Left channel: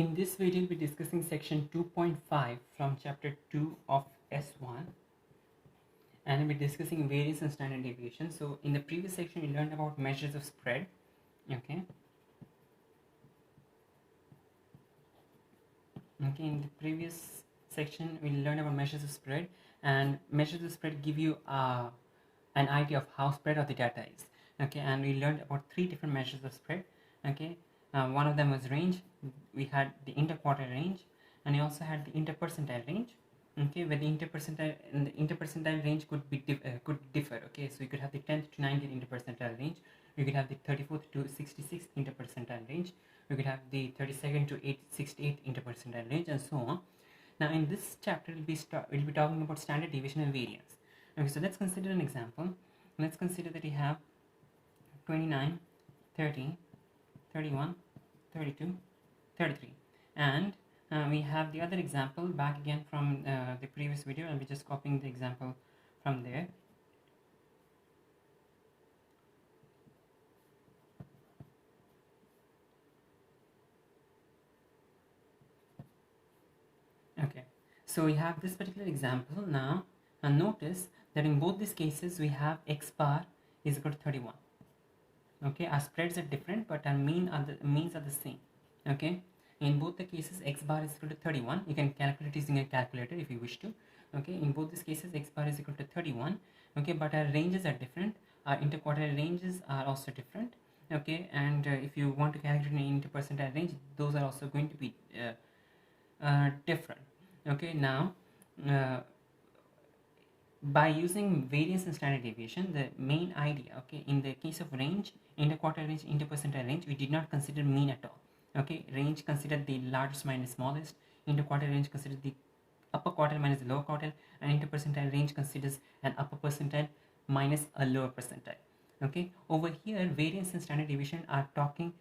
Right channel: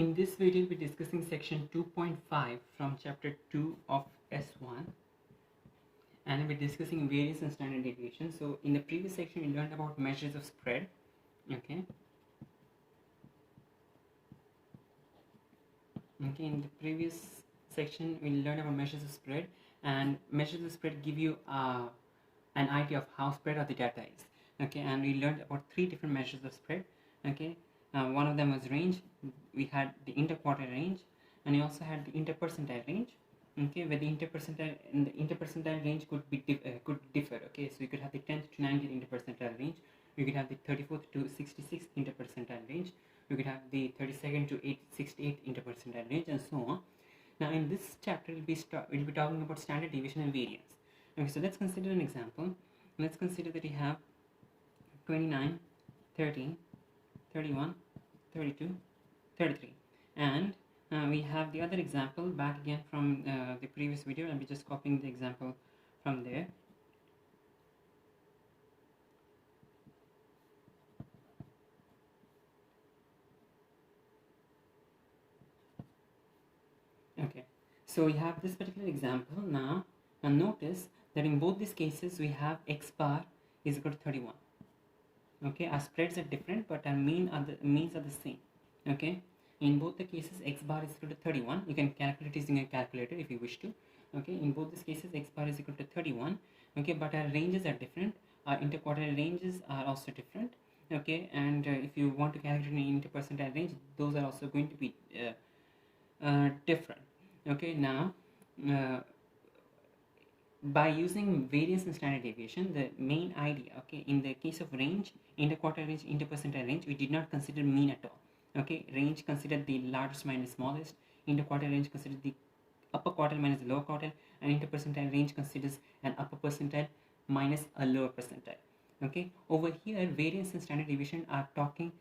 In this video, we'll be discussing section 2.5 from chapter 2 of S1, and we'll be discussing variance and standard deviation. So in the previous section, we learned about measures of spread. Okay, in the previous section, we learned about measures of spread, and measures of spread give you an idea of how spread of the data is. Okay, and we learned about 3 different measures of spread. Okay, one of them was range. We had the interquartile range, and we also had the interpercentile range. Okay, where the interpercentile range could differ. Okay, so you could have the 10th to 90th interpercentile range. You could have the 34th to 66th interpercentile range. You could have the 32nd to 68th interpercentile range, and so on. Now, in this chapter, we'll be talking about standard deviation and variance. Okay, so let's consider an example. Let's consider that we have 29, 30, 31, 32, 33, and we have the other example back again from the previous video. I'll be just copying the example from there. Okay, so we have this particular example now, and notice that in both these cases we have x bar is equal to 31. Okay, our spreads are different, but our means are the same. Okay, in both the cases x bar is equal to 31. You can calculate using a calculator if you wish to. Okay, in both these cases x bar is equal to 31. Okay, but our ranges are different. Our interquartile ranges are also different. Okay, and if you want to calculate an interpercentile range, those are also going to be different. Okay, now by using variance and standard deviation, the main idea, okay, in the case of range, interquartile range, interpercentile range, we did not consider mean at all. Okay, range considered the largest minus smallest, interquartile range considers the upper quartile minus the lower quartile, and interpercentile range considers an upper percentile minus a lower percentile. Okay, over here variance and standard deviation are talking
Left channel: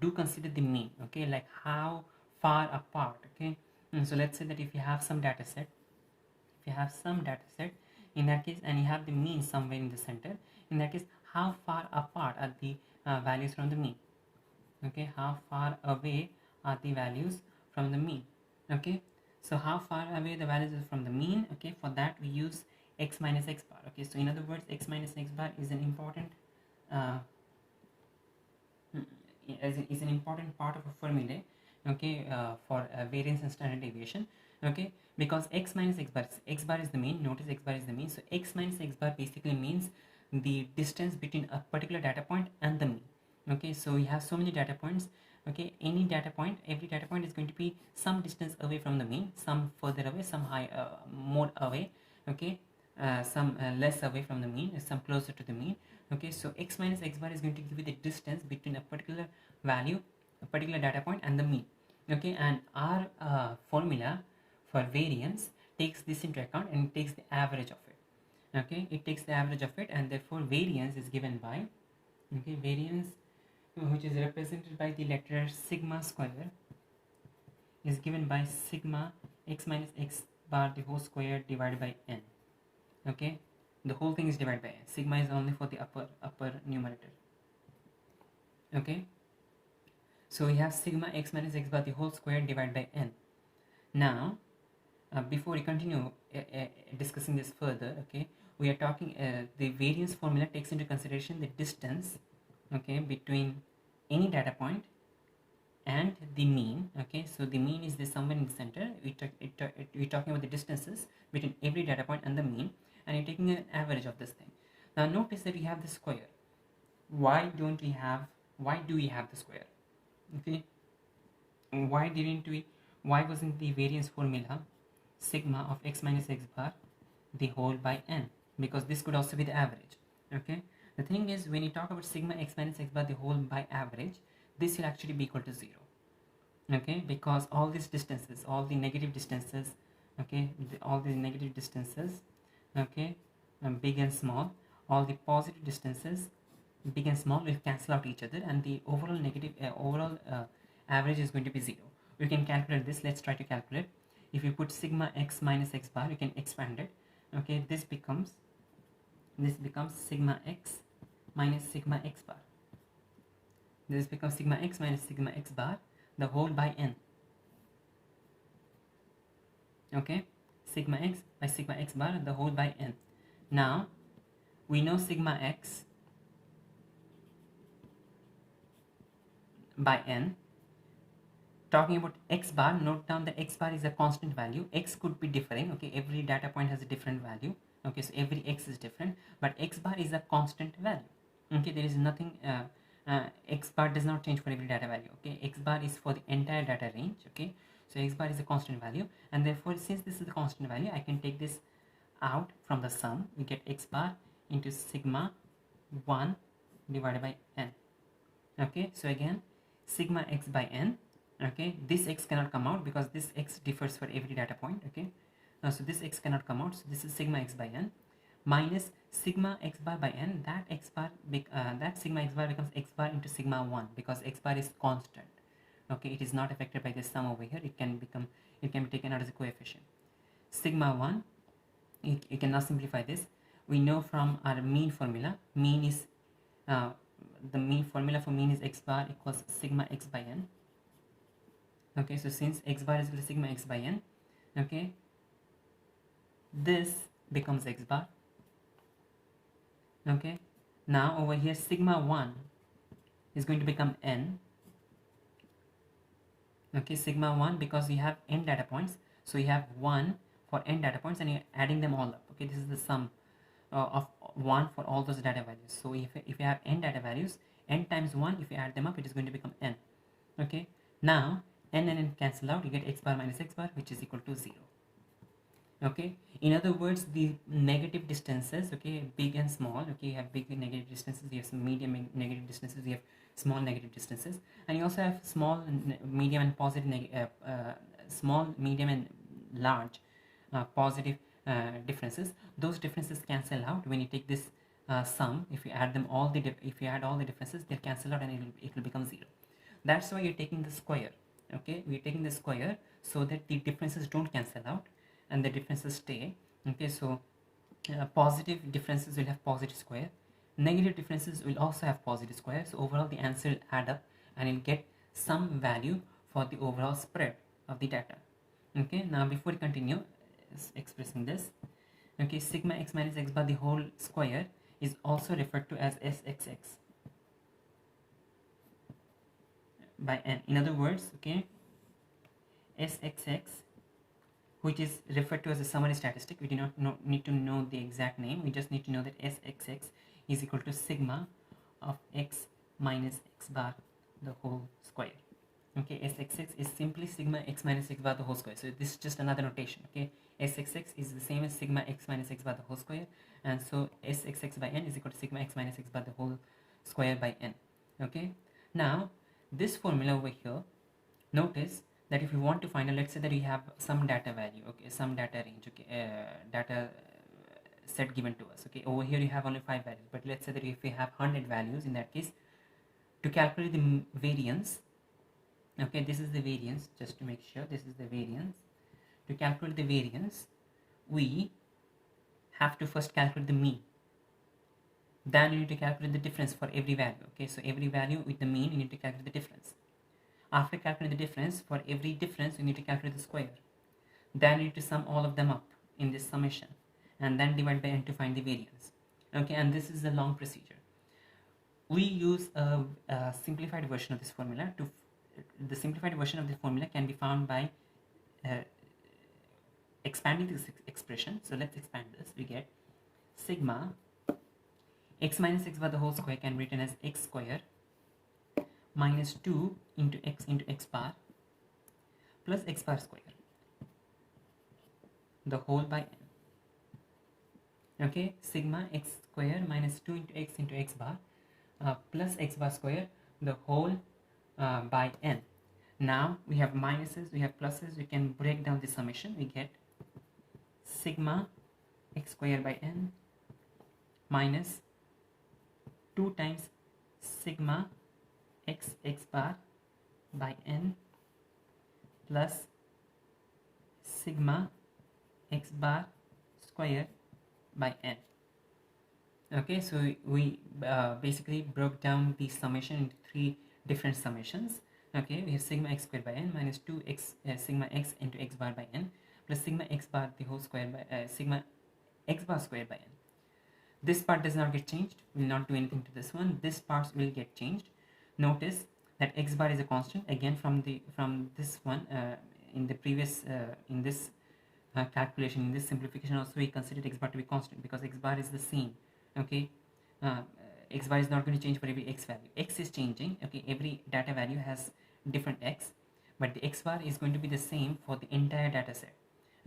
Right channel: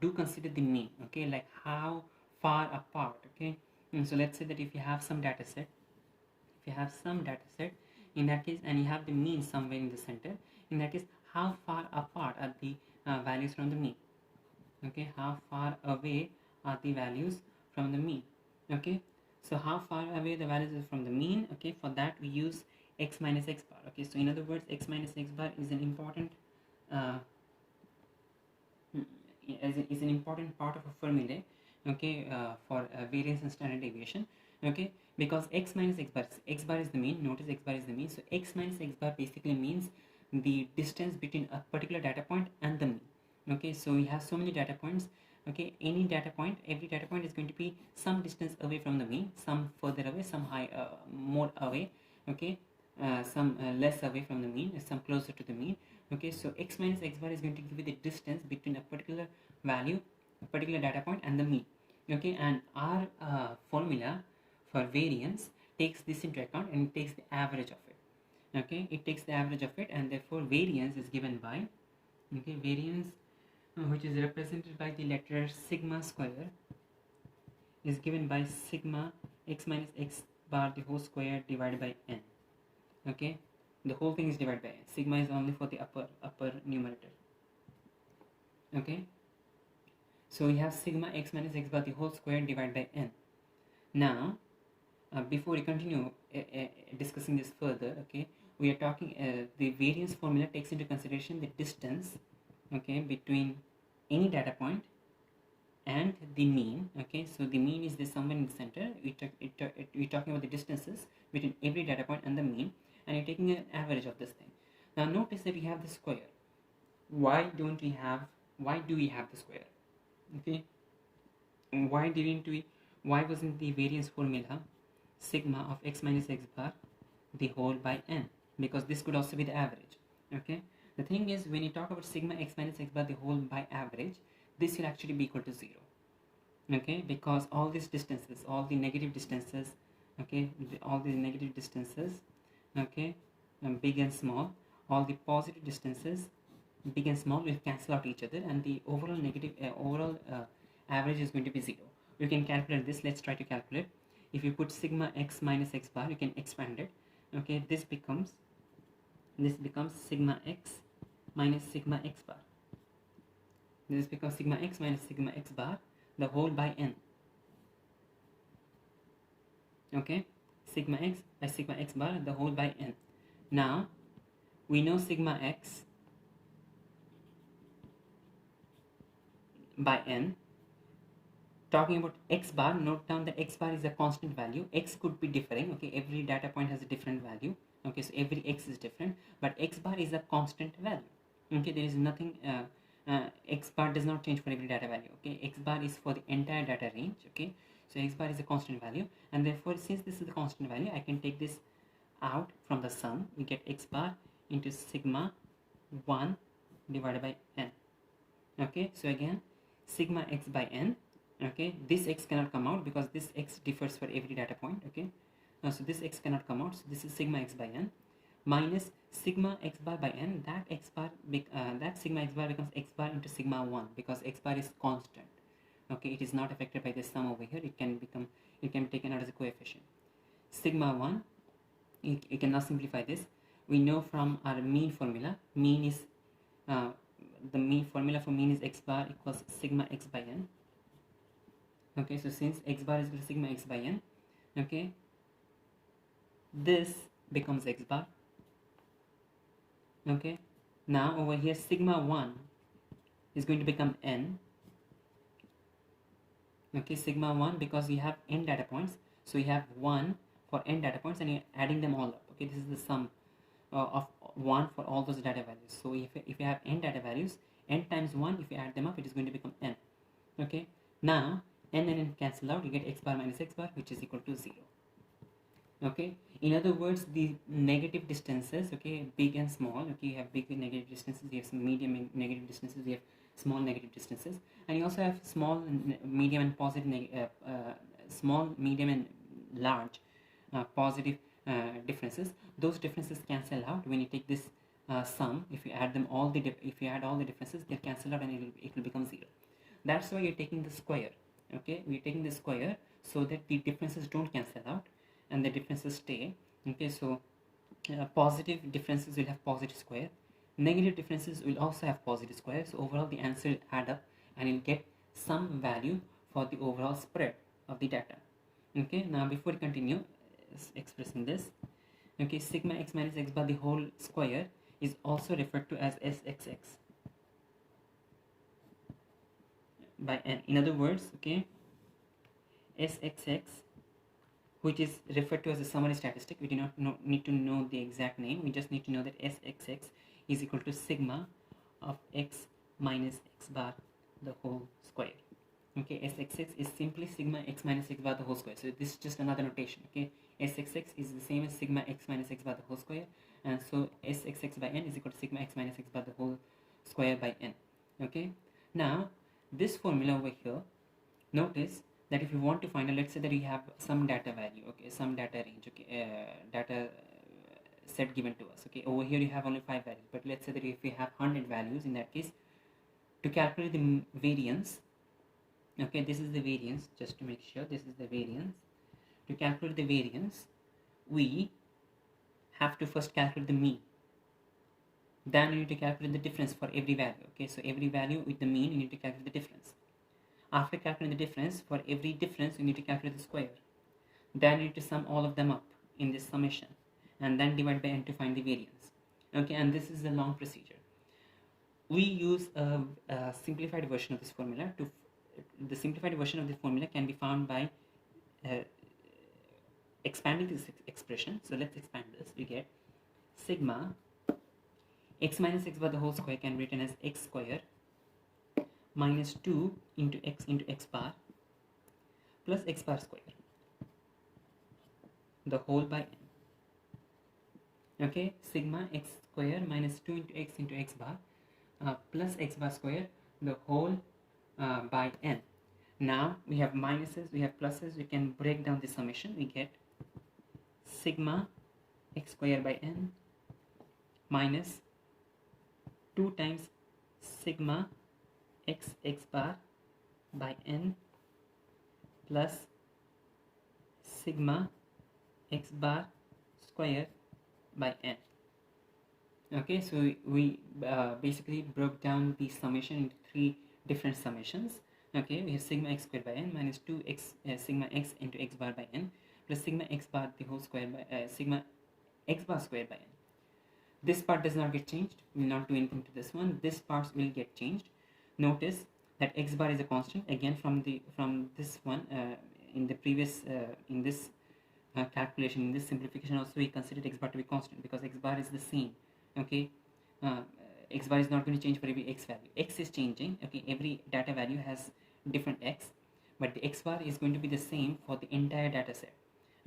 do consider the mean. Okay, like how far apart. Okay, so let's say that if you have some data set, in that case, and you have the mean somewhere in the center, in that case, how far apart are the values from the mean? Okay, how far away are the values from the mean? Okay, so how far away the values are from the mean? Okay, for that we use x minus x bar. Okay, so in other words, x minus x bar is an important part of a formula. Okay, for variance and standard deviation. Okay, because x minus x bar is the mean. Notice x bar is the mean, so x minus x bar basically means the distance between a particular data point and the mean. Okay, so we have so many data points. Okay, every data point is going to be some distance away from the mean, some further away, some more away. Okay, some less away from the mean, some closer to the mean. Okay, so x minus x bar is going to give you the distance between a particular value, a particular data point, and the mean. Okay, and our formula for variance takes this into account and it takes the average of it. Okay, it takes the average of it, and therefore variance is given by, okay, variance which is represented by the letter sigma square is given by sigma x minus x bar the whole square divided by n. Okay, the whole thing is divided by n. Sigma is only for the upper numerator. Okay, so we have sigma x minus x bar the whole square divided by n. Now before we continue discussing this further, okay, we are talking the variance formula takes into consideration the distance, okay, between any data point and the mean. Okay, so the mean is this somewhere in the center. We're talking about the distances between every data point and the mean, and you're taking an average of this thing. Now notice that we have the square. Why do we have the square? Okay, why wasn't the variance formula sigma of x minus x bar the whole by n? Because this could also be the average. Okay, the thing is, when you talk about sigma x minus x bar the whole by average, this will actually be equal to 0. Okay, because all these distances, all the negative distances, okay, okay, big and small, all the positive distances, big and small, will cancel out each other, and the overall average is going to be 0. You can calculate this. Let's try to calculate. If you put sigma x minus x bar, you can expand it. Okay, this becomes sigma x minus sigma x bar. This becomes sigma x minus sigma x bar the whole by n. okay, sigma x by sigma x bar the whole by n. Now we know sigma x by n. Talking about x bar, note down that x bar is a constant value. X could be differing, okay, every data point has a different value, okay, so every x is different, but x bar is a constant value, okay, there is nothing, x bar does not change for every data value, okay, x bar is for the entire data range, okay, so x bar is a constant value, and therefore since this is a constant value, I can take this out from the sum. We get x bar into sigma 1 divided by n, okay, so again sigma x by n, okay, this x cannot come out because this x differs for every data point, okay, so this x cannot come out, so this is sigma x by n minus sigma x bar by n. That that sigma x bar becomes x bar into sigma 1 because x bar is constant, okay, it is not affected by this sum over here. It can be taken out as a coefficient. Sigma 1, you can now simplify this. We know from our mean formula, mean is the mean formula for mean is x bar equals sigma x by n, okay, so since x bar is equal to sigma x by n, okay, this becomes x bar, okay. Now over here sigma 1 is going to become n, okay, sigma 1 because we have n data points, so we have 1 for n data points and you're adding them all up, okay, this is the sum of 1 for all those data values. So if you have n data values, n times 1, if you add them up, it is going to become n, okay. Now n and n cancel out, you get x bar minus x bar, which is equal to 0, okay. In other words, the negative distances, okay, big and small, okay, you have big negative distances, you have some medium and negative distances, you have small negative distances, and you also have small, medium and positive, small, medium and large positive differences. Those differences cancel out when you take this sum. If you add them all if you add all the differences, they cancel out and it will become 0. That's why you're taking the square, okay, we're taking the square so that the differences don't cancel out and the differences stay, okay. So positive differences will have positive square, negative differences will also have positive square, so overall the answer will add up and you'll get some value for the overall spread of the data, okay. Now before we continue expressing this, okay, sigma x minus x bar the whole square is also referred to as sxx by n. In other words, okay, sxx, which is referred to as a summary statistic, we do not need to know the exact name, we just need to know that sxx is equal to sigma of x minus x bar the whole square, okay. Sxx is simply sigma x minus x bar the whole square, so this is just another notation, okay. Sxx is the same as sigma x minus x bar the whole square, and so sxx by n is equal to sigma x minus x bar the whole square by n, okay. Now this formula over here, notice that if you want to find out, let's say that you have some data value, okay, some data range, okay, data set given to us, okay, over here you have only 5 values, but let's say that if you have 100 values, in that case, to calculate the variance, okay, this is the variance, just to make sure this is the variance. To calculate the variance, we have to first calculate the mean, then you need to calculate the difference for every value, okay, so every value with the mean you need to calculate the difference. After calculating the difference, for every difference you need to calculate the square, then you need to sum all of them up in this summation and then divide by n to find the variance, okay. And this is a long procedure. We use a simplified version of this formula. The simplified version of this formula can be found by expanding this expression. So let's expand this. We get sigma x minus x bar the whole square can be written as x square minus 2 into x bar plus x bar square the whole by n, okay. Sigma x square minus 2 into x bar plus x bar square the whole by n. Now we have minuses, we have pluses, we can break down the summation. We get sigma x square by n minus 2 times sigma x bar by n plus sigma x bar square by n, okay. So we basically broke down the summation into 3 different summations, okay. We have sigma x squared by n minus 2x sigma x into x bar by n plus sigma x bar the whole square by sigma x bar square by n. This part does not get changed. We will not do anything to this one. This part will get changed. Notice that x bar is a constant again from this one. In the previous in this calculation, in this simplification also we considered x bar to be constant because x bar is the same. Okay, x bar is not going to change for every x value. X is changing. Okay, every data value has different x, but the x bar is going to be the same for the entire data set.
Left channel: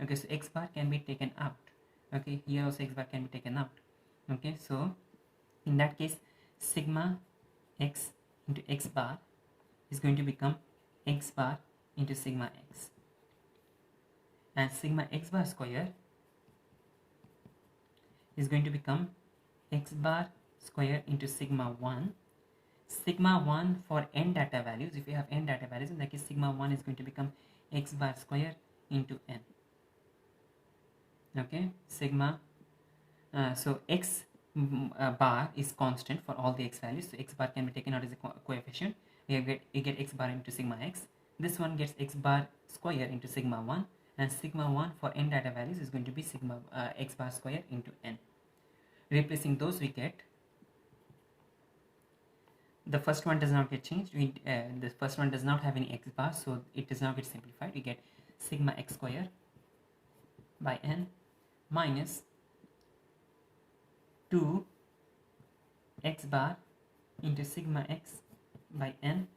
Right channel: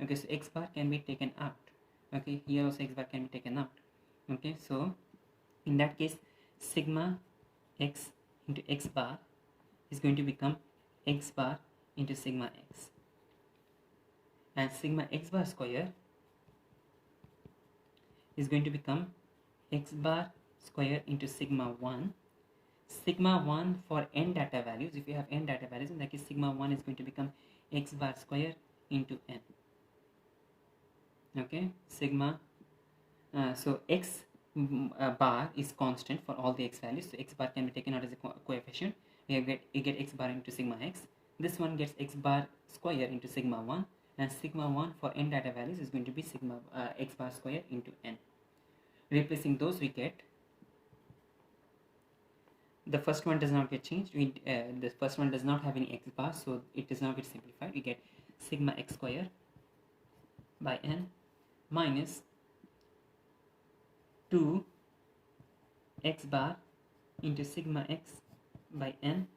Okay, so x bar can be taken out. Okay, here also x bar can be taken out. Okay, so in that case sigma x into x bar is going to become x bar into sigma x, and sigma x bar square is going to become x bar square into sigma 1. Sigma 1 for n data values, if you have n data values, in that case sigma 1 is going to become x bar square into n. Okay, sigma so x bar is constant for all the x values, so x bar can be taken out as a coefficient. You get x bar into sigma x. This one gets x bar square into sigma 1, and sigma 1 for n data values is going to be sigma x bar square into n. Replacing those, we get the first one does not get changed. The first one does not have any x bar, so it does not get simplified. We get sigma x square by n minus 2 x bar into sigma x by n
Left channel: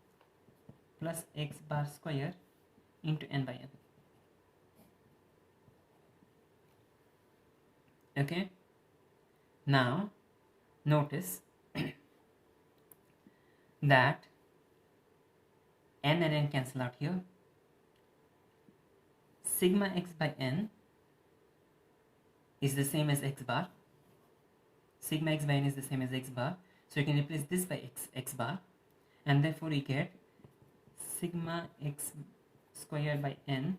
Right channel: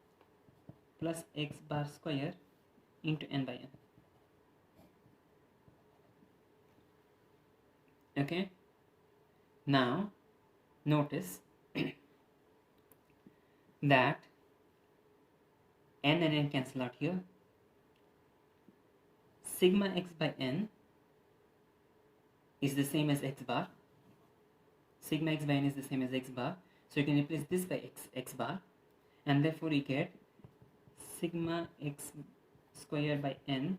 plus x bar square into n by n. Okay, now notice that n and n cancel out here. Sigma x by n is the same as x bar. Sigma x by n is the same as x bar, so you can replace this by x bar, and therefore you get sigma x square by n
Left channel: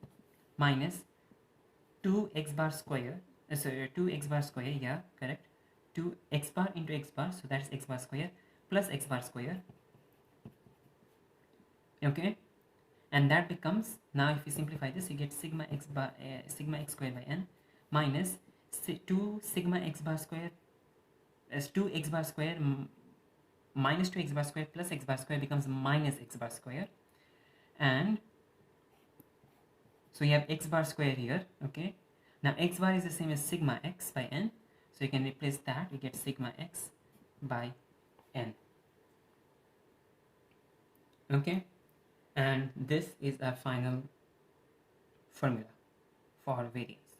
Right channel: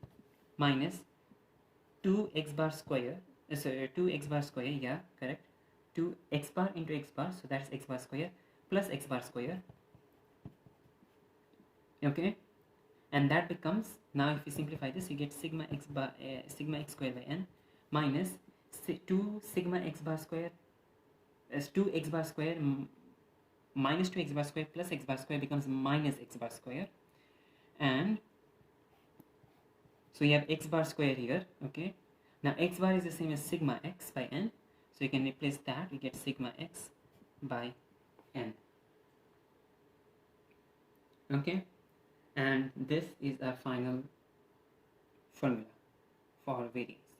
minus 2 x bar square, 2 x bar square, yeah, correct, 2 x bar into x bar, so that's x bar square plus x bar square. Okay, and that becomes, now if you simplify this, you get sigma x square by n minus 2 sigma x bar square as 2 x bar square minus 2 x bar square plus x bar square becomes minus x bar square, and so you have x bar square here. Okay, now x bar is the same as sigma x by n, so you can replace that. You get sigma x by n. Okay, and this is our final formula for variance.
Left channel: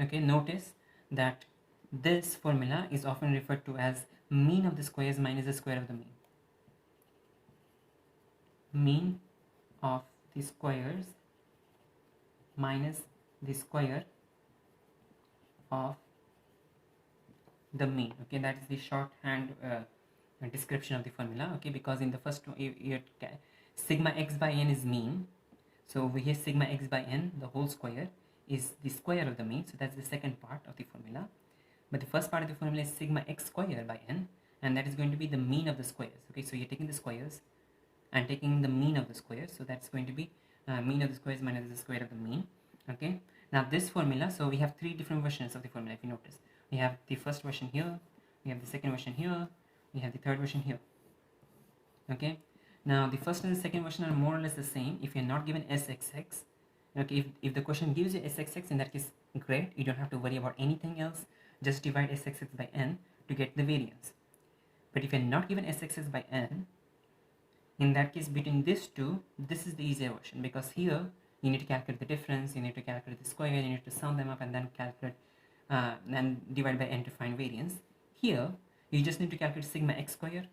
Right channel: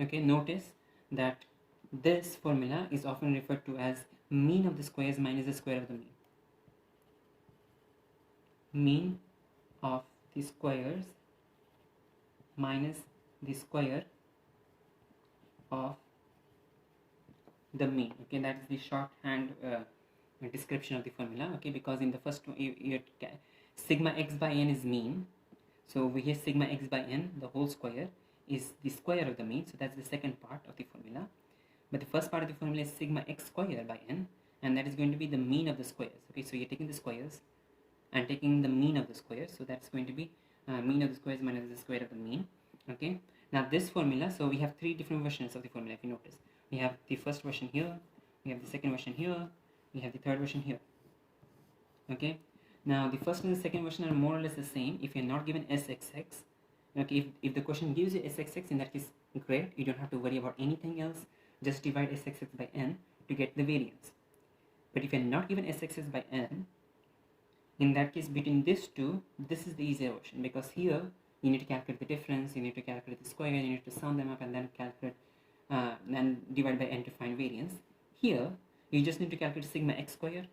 Okay, notice that this formula is often referred to as mean of the squares minus the square of the mean. Mean of the squares minus the square of the mean. Okay, that is the shorthand description of the formula. Okay, because in the first one, sigma x by n is mean, so over here sigma x by n, the whole square, is the square of the mean, so that's the second part of the formula. But the first part of the formula is sigma x square by n, and that is going to be the mean of the squares. Okay, so you're taking the squares and taking the mean of the squares, so that's going to be mean of the squares minus the square of the mean. Okay, now this formula, so we have three different versions of the formula. If you notice, we have the first version here, we have the second version here, we have the third version here. Okay, now the first and the second version are more or less the same if you're not given sxx. Okay, if the question gives you sxx, in that case great, you don't have to worry about anything else, just divide sxx by n to get the variance. But if you're not given sxx by n, in that case between these two, this is the easier version, because here you need to calculate the difference, you need to calculate the square, you need to sum them up and then calculate and divide by n to find variance. Here you just need to calculate sigma x square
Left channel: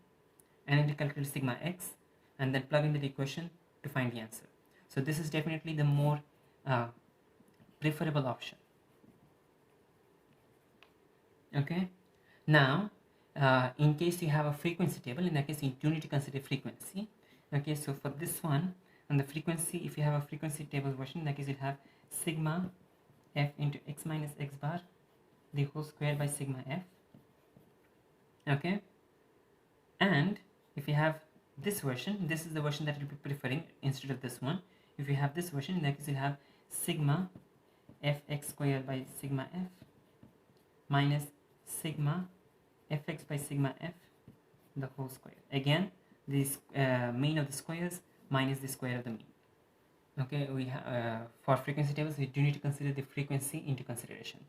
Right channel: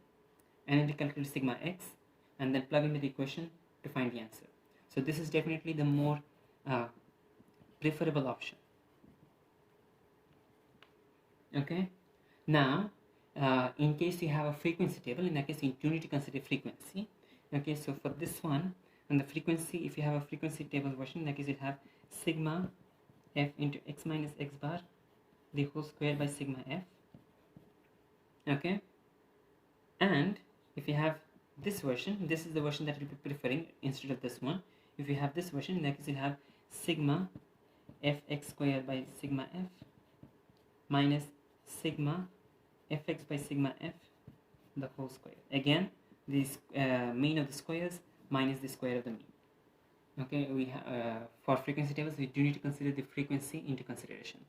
and then to calculate sigma x and then plug into the equation to find the answer. So this is definitely the more preferable option. Okay, now in case you have a frequency table, in that case you do need to consider frequency. Okay, so for this one, and the frequency, if you have a frequency table version, in that case you have sigma f into x minus x bar the whole square by sigma f. Okay, and if you have this version, this is the version that you'll be preferring instead of this one. If you have this version, in that case you'll have sigma fx square by sigma f minus sigma fx by sigma f the whole square. Again, this mean of the squares minus the square of the mean. Okay, we have for frequency tables we do need to consider the frequency into consideration.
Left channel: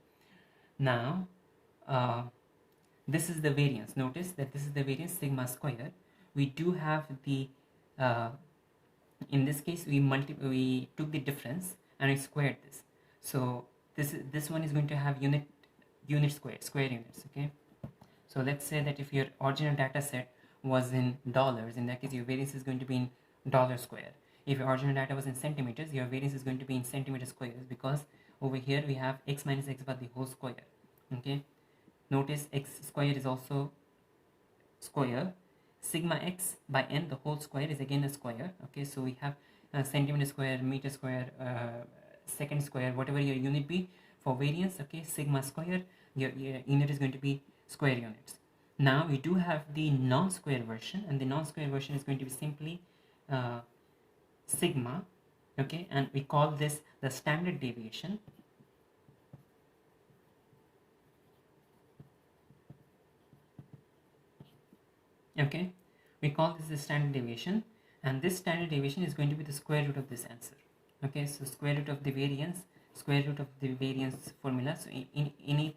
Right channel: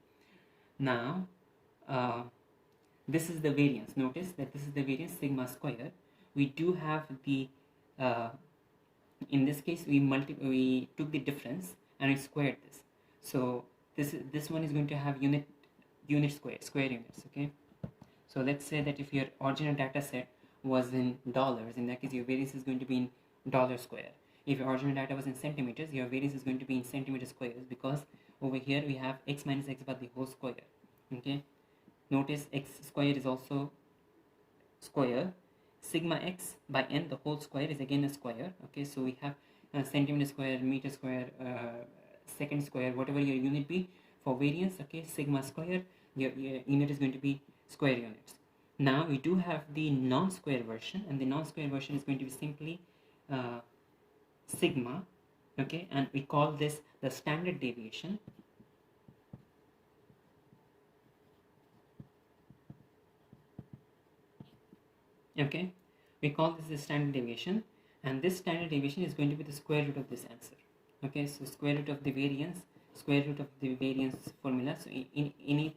Now this is the variance. Notice that this is the variance sigma square. We do have the in this case we took the difference and we squared this. So this one is going to have unit square units. Okay, so let's say that if your original data set was in dollars, in that case your variance is going to be in dollar square. If your original data was in centimeters, your variance is going to be in centimeter squares, because over here we have x minus x bar the whole square. Okay, notice x square is also square. Sigma x by n the whole square is again a square. Okay, so we have centimeter square, meter square, second square, whatever your unit be for variance. Okay, sigma square, your unit is going to be square units. Now we do have the non-square version, and the non-square version is going to be simply sigma. Okay, and we call this the standard deviation. Okay, we call this the standard deviation, and this standard deviation is going to be the square root of this answer. Okay, so square root of the variance, square root of the variance formula. So in any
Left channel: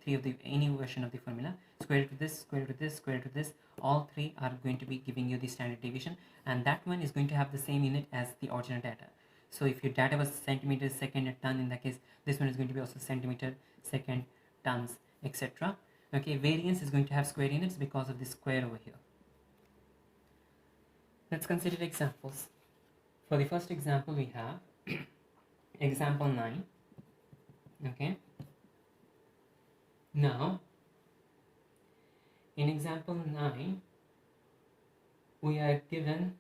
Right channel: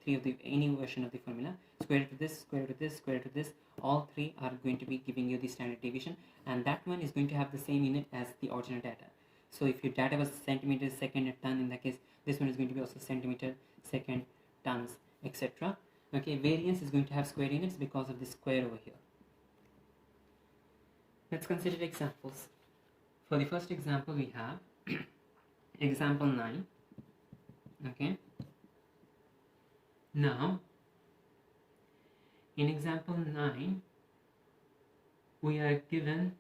version of the formula, square root of this, square root of this, square root of this, all three are going to be giving you the standard deviation, and that one is going to have the same unit as the original data. So if your data was centimeter, second, and ton, in that case this one is going to be also centimeter, second, tons, etc. Okay, variance is going to have square units because of the square over here. Let's consider examples. For the first example we have example 9. Okay, now in example 9 we are given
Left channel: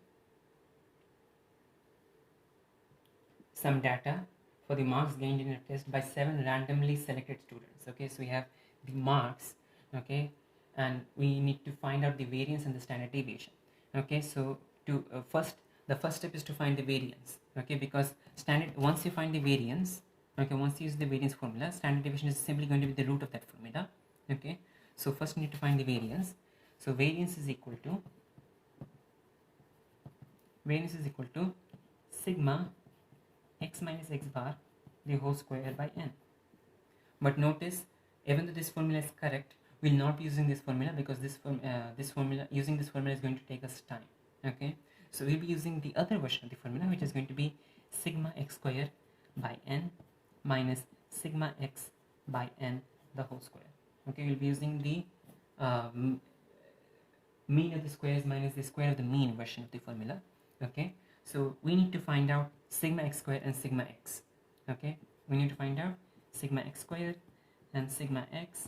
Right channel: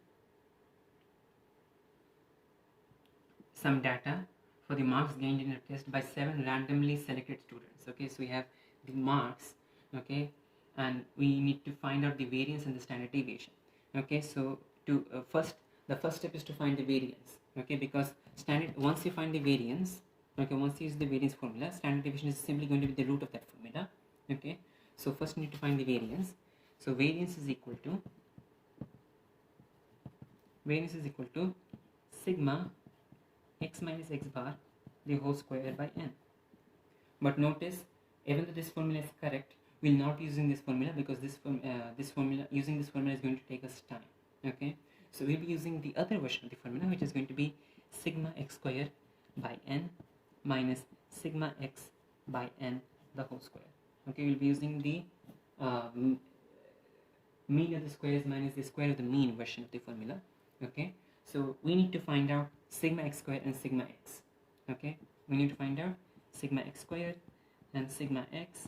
some data for the marks gained in a test by 7 randomly selected students. Okay, so we have the marks. Okay, and we need to find out the variance and the standard deviation. Okay, so to the first step is to find the variance. Okay, because once you find the variance, okay, once you use the variance formula, standard deviation is simply going to be the root of that formula. Okay, so first you need to find the variance. So variance is equal to sigma x minus x bar the whole square by n. But notice, even though this formula is correct, we will not be using this formula, because using this formula is going to take us time. Okay, so we'll be using the other version of the formula, which is going to be sigma x square by n minus sigma x by n the whole square. Okay, we'll be using the mean of the squares minus the square of the mean version of the formula. Okay, so we need to find out sigma x square and sigma x. Okay, we need to find out sigma x square and sigma x.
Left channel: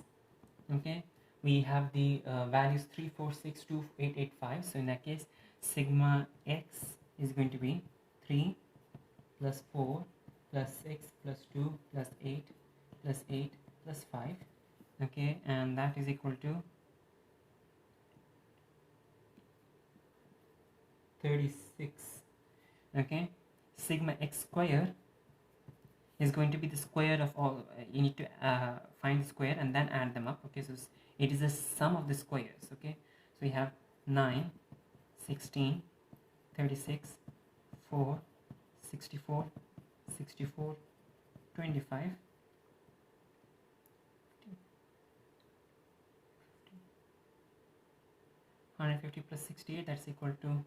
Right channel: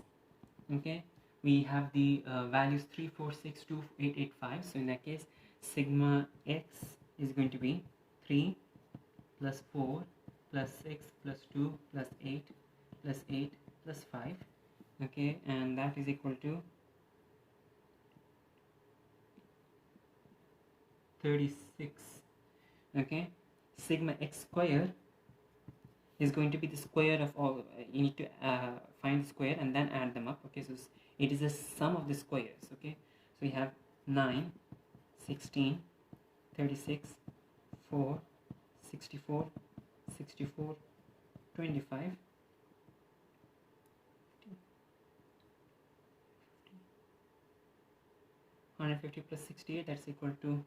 Okay, we have the values 3, 4, 6, 2, 8, 8, 5. So in that case, sigma x is going to be 3 plus 4 plus 6 plus 2 plus 8 plus 8 plus 5. Okay, and that is equal to 36. Okay, sigma x square is going to be the square of all. You need to find the square and then add them up. Okay, so it is a sum of the squares. Okay, so we have 9, 16, 36, 4, 64, 64, 25, 150 plus 68, that's equal to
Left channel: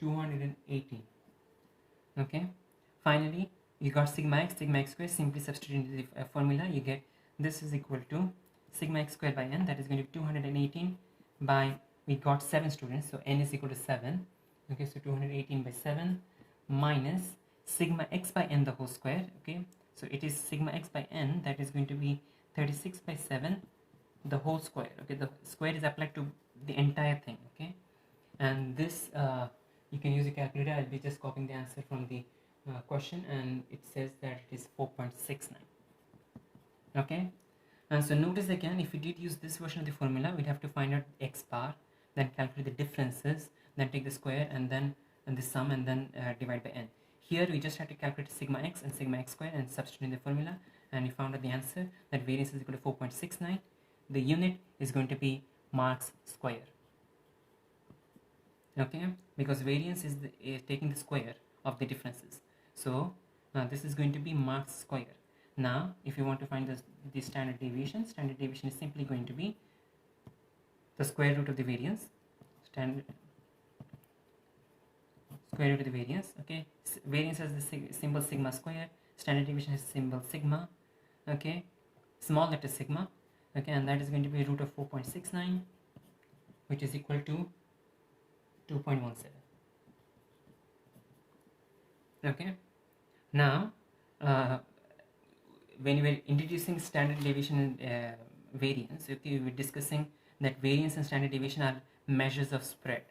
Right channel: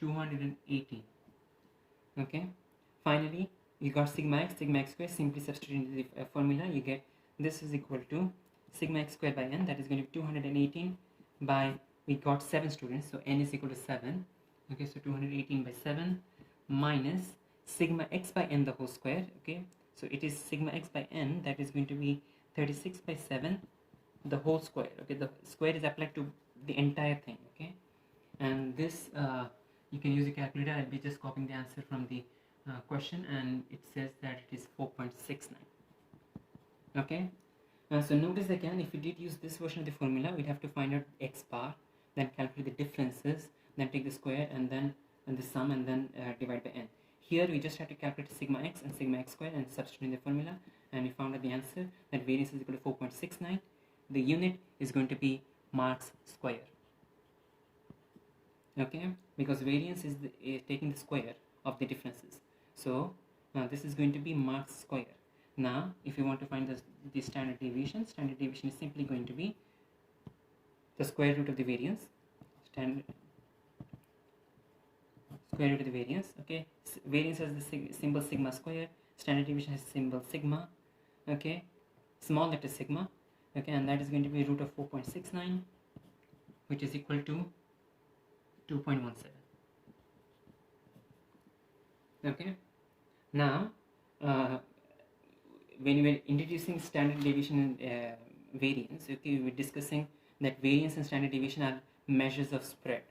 218. Okay, finally you got sigma x square. Simply substitute into the formula, you get this is equal to sigma x square by n, that is going to be 218 by, we got 7 students, so n is equal to 7. Okay, so 218 by 7 minus sigma x by n the whole square. Okay, so it is sigma x by n, that is going to be 36 by 7 the whole square. Okay, the square is applied to the entire thing. Okay, and this you can use a calculator. I'll be just copying the answer from the question, and it says that it is 4.69. Okay, and so notice again, if we did use this version of the formula, we'd have to find out x bar, then calculate the differences, then take the square and then the sum, and then divide by n. Here we just have to calculate sigma x and sigma x squared and substitute in the formula, and we found out the answer that variance is equal to 4.69. The unit is going to be marks square. Okay, because variance is taking the square of the differences. So this is going to be marks square. Now if you want to find the standard deviation is simply going to be the square root of the variance, square root of the variance. Okay, variance has the symbol sigma square, standard deviation has symbol sigma. Okay, small letter sigma. Okay, and that is going to be root of 4.69, which is equal to 2.17. Okay, now when we are introducing standard deviation and variance, okay, we were discussing that variance and standard deviation are measures of spread.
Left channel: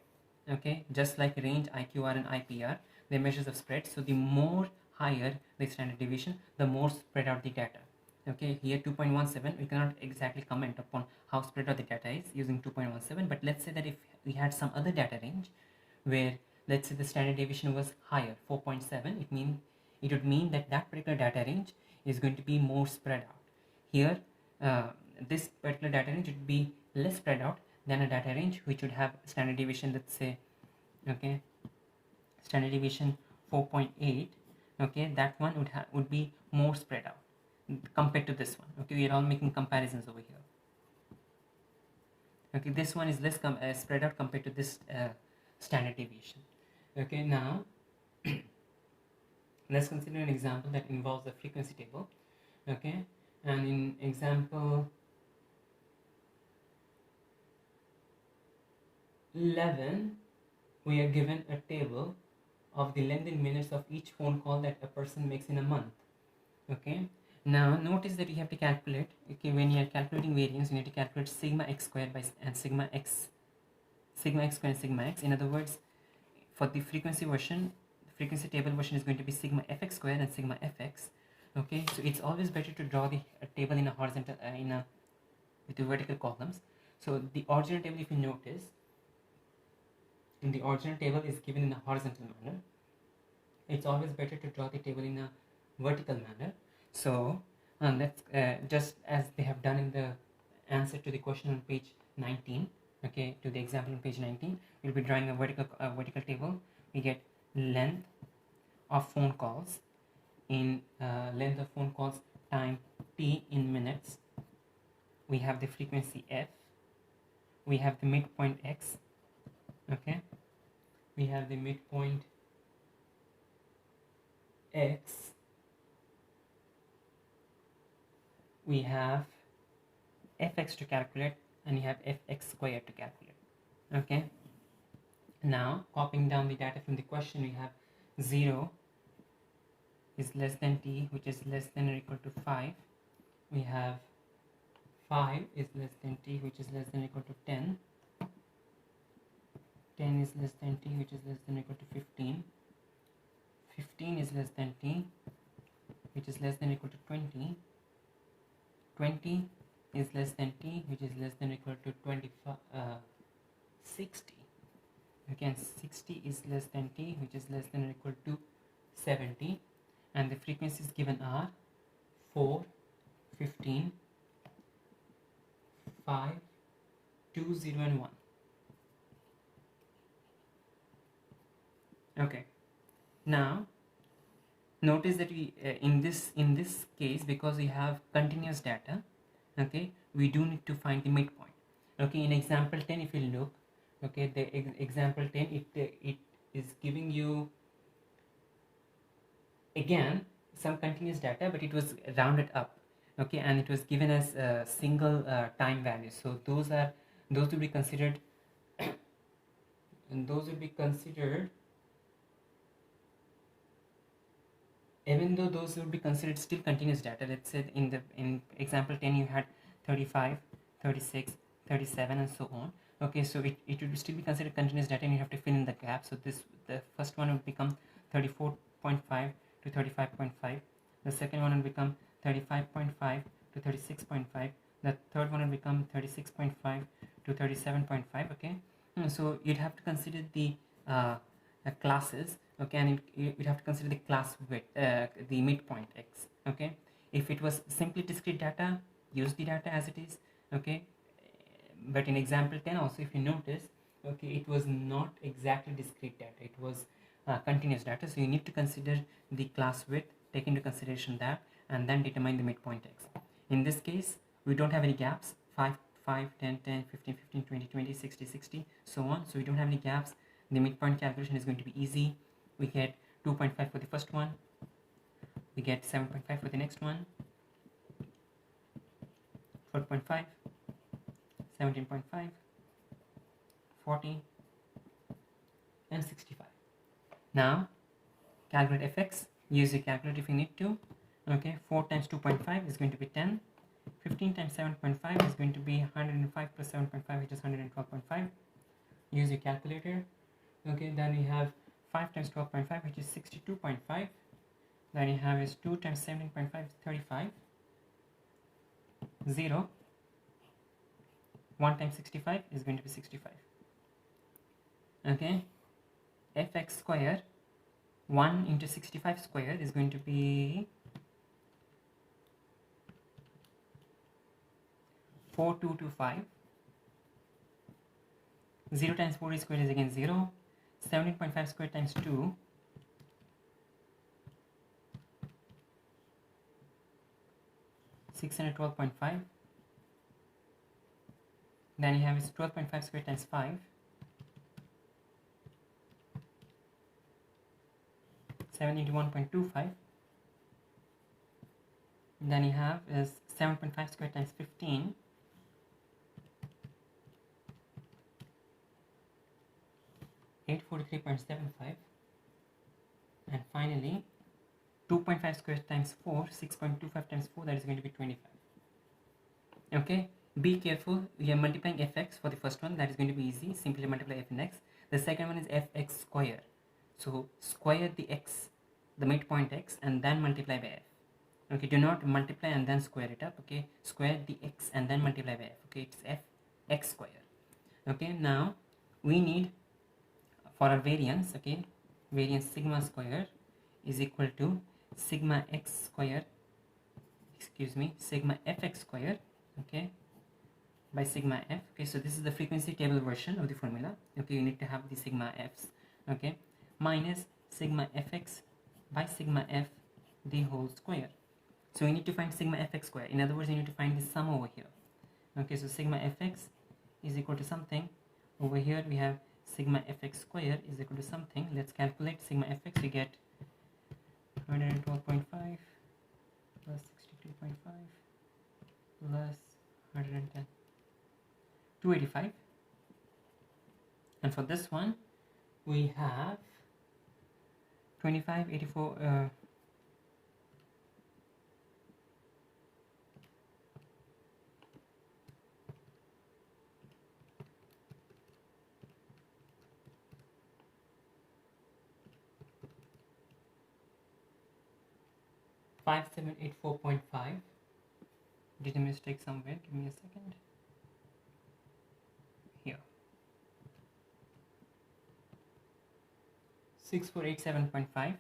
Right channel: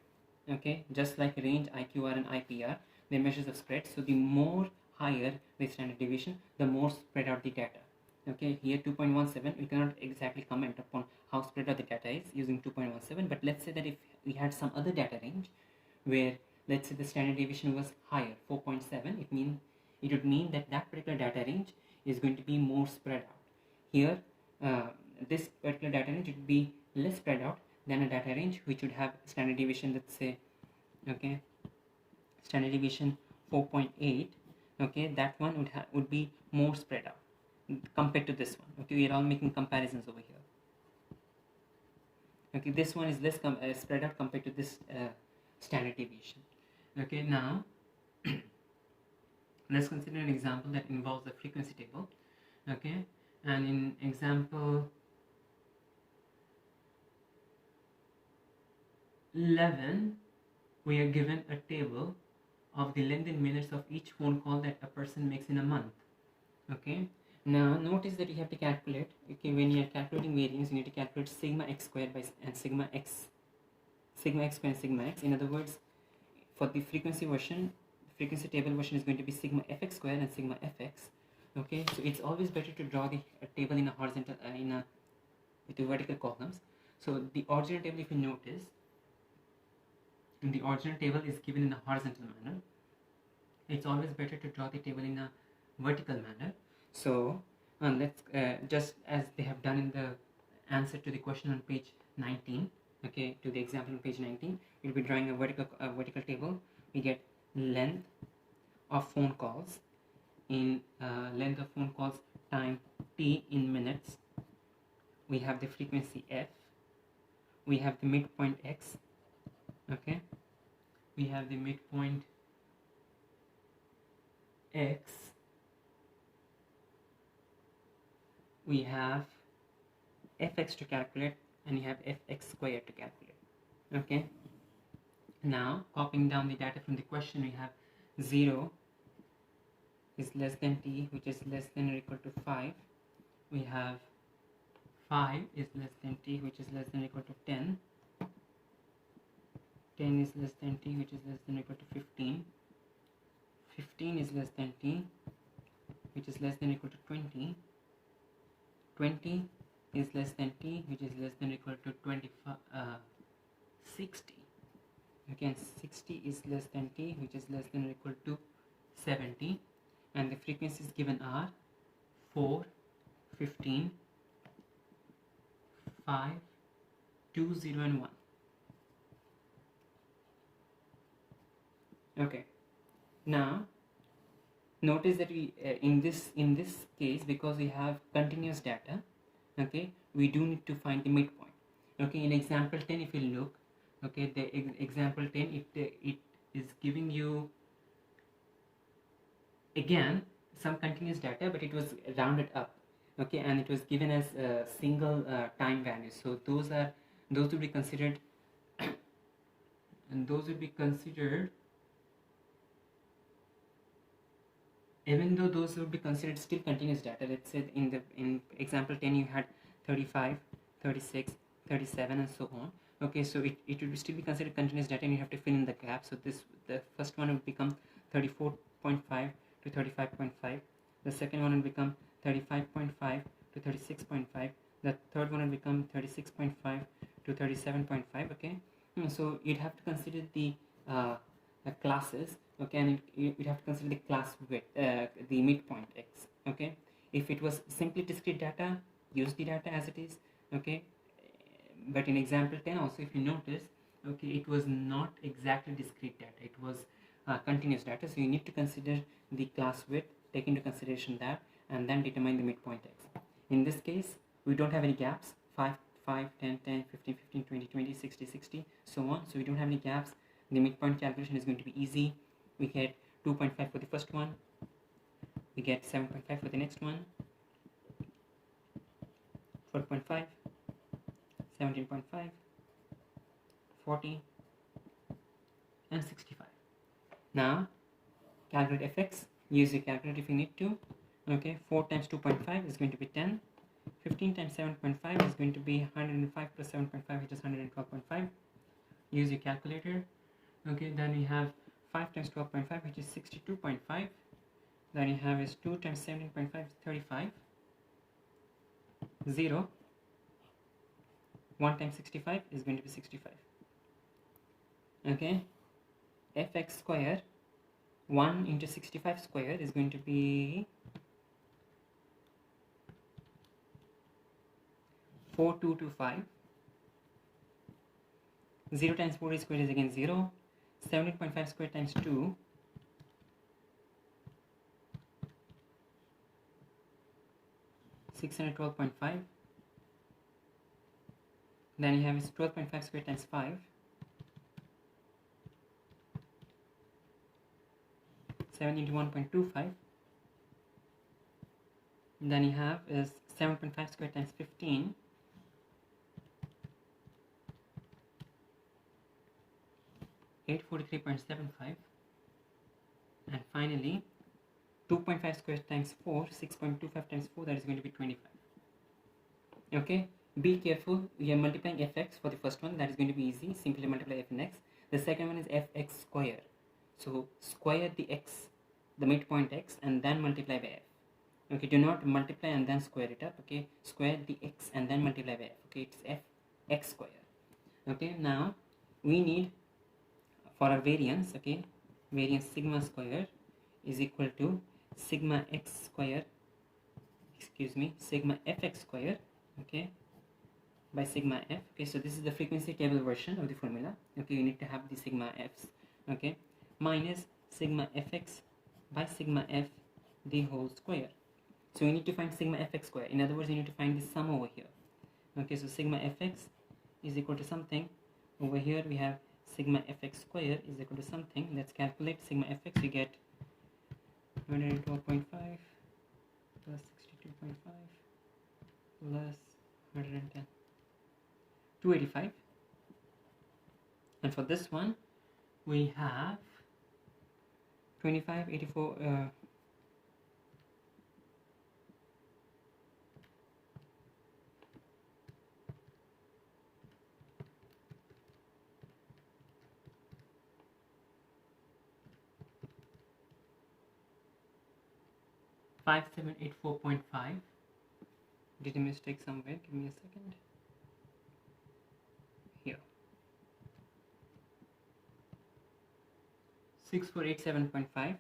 Okay, just like range, IQR and IPR, they're measures of spread. So the more higher the standard deviation, the more spread out the data. Okay, here 2.17, we cannot exactly comment upon how spread out the data is using 2.17, but let's say that if we had some other data range where, let's say, the standard deviation was higher, 4.7, it would mean that that particular data range is going to be more spread out. Here this particular data range would be less spread out than a data range which would have standard deviation, let's say, okay, standard deviation 4.8. okay, that one would be more spread out compared to this one. Okay, we are all making comparisons over here. Okay, this one is less spread out compared to this standard deviation. Okay, now let's consider an example that involves a frequency table. Okay, and in example 11, we are given a table of the length in minutes of each phone call that a person makes in a month. Okay, now notice that you have to calculate, okay, when you are calculating variance, you need to calculate sigma x squared and sigma x squared and sigma x. In other words, for the frequency version, the frequency table version is going to be sigma fx squared and sigma fx. Okay, so it's always better to draw a table in a horizontal with the vertical columns. So the original table, if you notice, the original table is given in a horizontal manner. It's always better to draw the table in a vertical manner. So let's just as they have done in the answer to the question on page 19, okay, to the example on page 19, we'll be drawing a vertical table. We get length of phone calls in length of phone calls time t in minutes. We have the frequency f. We have the midpoint x. Okay, we have the midpoint x. We have fx to calculate, and you have fx squared to calculate. Okay, now copying down the data from the question, we have 0 is less than t, which is less than or equal to 5. We have 5 is less than t, which is less than or equal to 10. 10 is less than t, which is less than or equal to 15. 15 is less than t, which is less than or equal to 20. 20 is less than t, which is less than or equal to 60. Again, 60 is less than t, which is less than or equal to 70. And the frequencies given are 4, 15, 5, 2, 0, and 1. Okay, now notice that we in this case, because we have continuous data, okay, we do need to find the midpoint. Okay, in example 10, if you look, okay, the example 10, it is giving you again some continuous data, but it was rounded up. Okay, and it was given as a single time value. So those would be considered and those would be considered, even though those would be considered still continuous data. Let's say in example 10 you had 35, 36, 37, and so on. Okay, so it would still be considered continuous data, and you have to fill in the gap. So the first one would become 34.5 to 35.5. The second one will become 35.5 to 36.5. The third one will become 36.5 to 37.5. Okay, so you'd have to consider the classes okay, and you have to consider the class width, the midpoint x, okay. If it was simply discrete data, use the data as it is, okay. But in example 10 also, if you notice, okay, it was not exactly discrete data, it was continuous data, so you need to consider the class width, take into consideration that, and then determine the midpoint x. In this case, we don't have any gaps, 5 5 10 10 15 15 20 20 60 60 so on, so we don't have any gaps. The midpoint calculation is going to be easy. We get 2.5 for the first one, we get 7.5 for the next one, 4.5, 17.5, 40, and 65. Now calculate fx, use your calculator if you need to, okay. 4 times 2.5 is going to be 10, 15 times 7.5 is going to be 105 plus 7.5, which is 112.5. Use your calculator, okay. Then you have 5 times 12.5, which is 62.5. Then you have is 2 times 17.5 is 35. 0. 1 times 65 is going to be 65. Okay. Fx square 1 into 65 square is going to be 4225. 0 times 40 square is again 0. 17.5 square times 2 612.5. Then you have 12.5 square times 5 781.25. Then you have is 7.5 square times 15 843.75. And finally 2.5 square times 4 6.25 times 4, that is going to be 25. Okay, be careful, you are multiplying fx for the first one, that is going to be easy, simply multiply f in x. The second one is fx square, so square the x, the midpoint x, and then multiply by f. Okay, do not multiply and then square it up, okay. Square the x and then multiply by f, okay. It's f x square. Okay, now we need for our variance, okay, variance sigma square is equal to sigma x square, excuse me, sigma fx square, okay, by sigma f. Okay, so this is the frequency table version of the formula, okay. You need to have the sigma f's, okay, minus sigma fx by sigma f the whole square. So you need to find sigma fx square, in other words you need to find the sum over here, okay. So sigma fx is equal to something, over here we have sigma fx square is equal to something. Let's calculate sigma fx. You get 112.5 plus 62.5 plus 110, 285. And for this one we have 25, 84, 5784.5. Did a mistake somewhere, give me a second. Here 6487.5.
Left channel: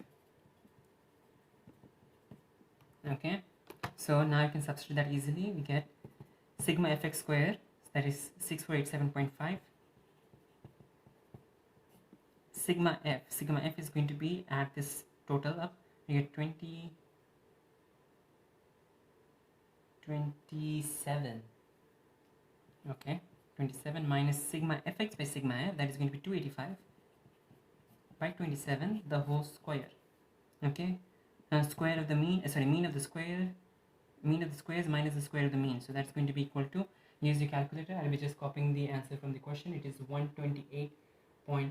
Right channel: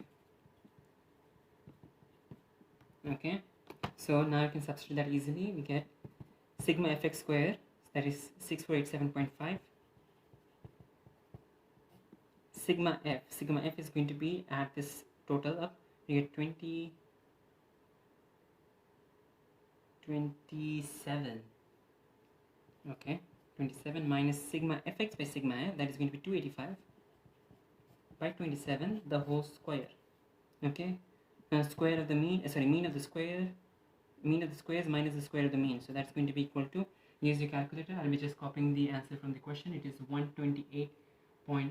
okay, so now you can substitute that easily. We get sigma fx square, that is 6487.5. Sigma f is going to be, add this total up, you get 27, okay, 27 minus sigma fx by sigma f, that is going to be 285 by 27 the whole square, okay. Square of the mean, mean of the square, mean of the squares minus the square of the mean, so that's going to be equal to, use your calculator, I'll be just copying the answer from the question. It is 128.858,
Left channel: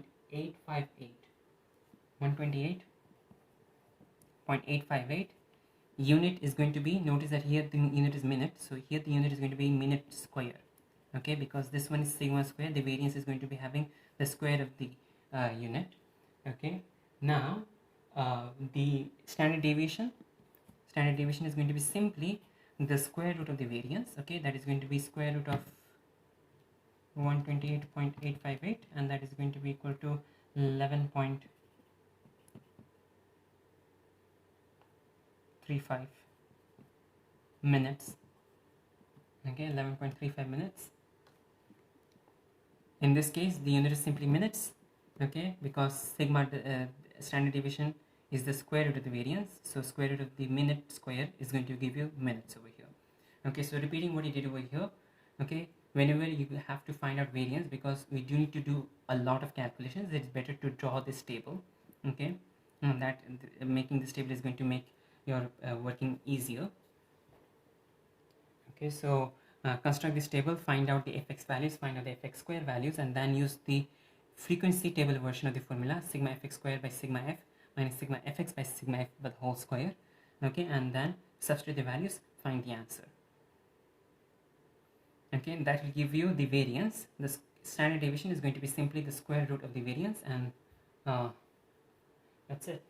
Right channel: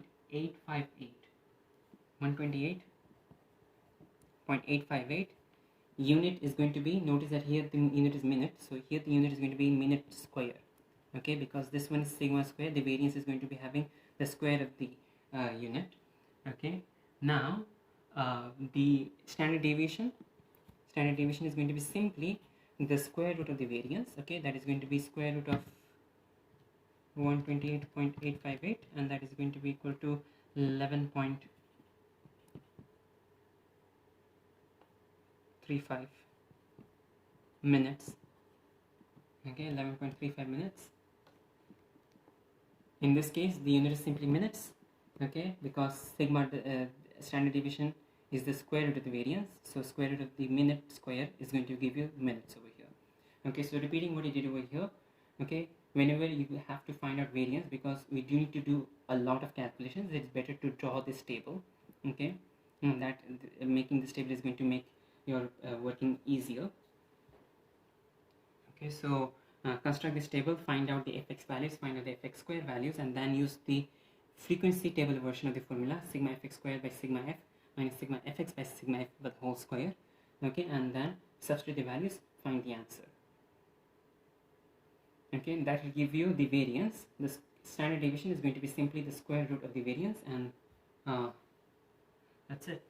128.858. Unit is going to be, notice that here the unit is minute, so here the unit is going to be minute square, okay, because this one is sigma square, the variance is going to be having the square of the unit, okay. Now the standard deviation is going to be simply the square root of the variance, okay, that is going to be square root of 128.858, and that is going to be equal to 11.5 11.35 minutes. Okay, 11.35 minutes. In this case, the unit is simply minutes. Okay, because sigma standard deviation is the square root of the variance, so square root of the minute square is going to give you minutes over here. Okay, so repeating what you did over here. Okay, whenever you have to find out variance, because we do need to do a lot of calculations, it's better to draw this table. Okay, and that making this table is going to make your working easier. Okay, so construct this table, find out the fx values, find out the fx square values, and then use the frequency table version of the formula, sigma fx squared by sigma f minus sigma fx by sigma f by the whole square. Okay, and then substitute the values, find the answer. Okay, and that will give you the variance. The standard deviation is going to be simply the square root of the variance, and that's it.